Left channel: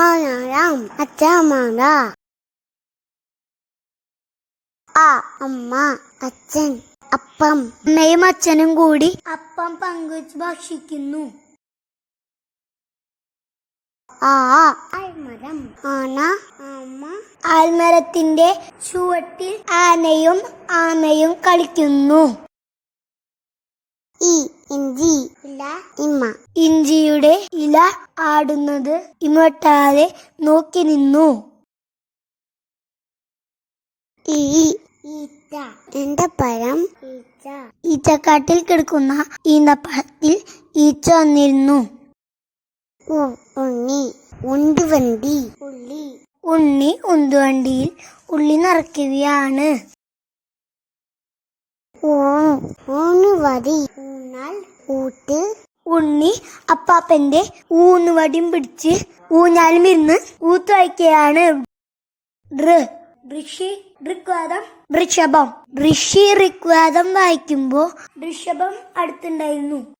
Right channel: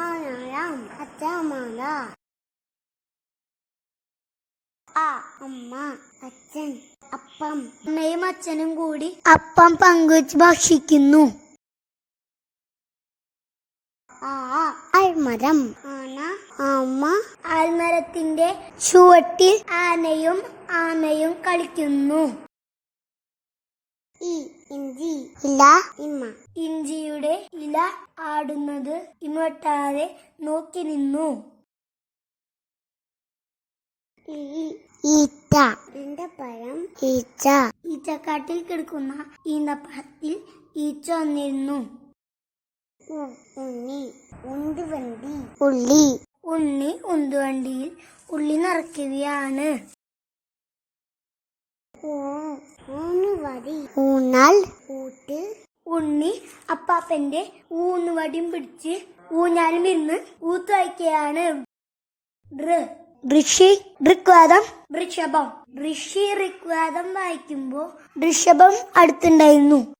മലയാളം അച്ഛമാല. ആ അമ്മ, അച്ഛൻ, അപ്പം. അമ്മയും അച്ഛനും കൂടി അപ്പം പങ്കുവച്ച് ഭക്ഷിക്കുന്നു. ആ ആൽമരം. ആന, അമ്മ. ആൽമരത്തിന്റെ ചുവട്ടിൽ ആനയും ആമയും കളിക്കുന്നു. ഇഞ്ചി. ഇല, ഇമ്മ. ഇഞ്ചിയുടെ ഇല ആടുന്നത് ഇമട്ടാതെ നോക്കി നിന്നു. ഈച്ച. ഈന്തപ്പഴം. ഈച്ച. ഈച്ചക്കാട്ടിൽ കിടക്കുന്ന ഈന്തപ്പഴത്തിൽ ഈച്ച വന്നിരുന്നു. ഉണ്ണി. ഉണ്ടുവണ്ടി. ഉള്ളി. ഉണ്ണി ഉന്തുവണ്ടിയിൽ ഉള്ളി നിറയ്ക്കുകയാണ്. ഊന്നുവടി. ഊഞ്ഞാൽ, ഊട്ട്. ഉണ്ണി അപ്പാപ്പന്റെ ഊന്നുവടിയും പിടിച്ച് ഊഞ്ഞാലും ഇരുന്ന് ഊത്ത് വയ്ക്കുകയാണ്. ഋഷി, ഋഗ്വേദം, ഋഷഭം. ഋഷി ഋഗ്വേദം വായിക്കുമ്പോ ഋഷഭം അടുത്തുണ്ടായിരുന്നു.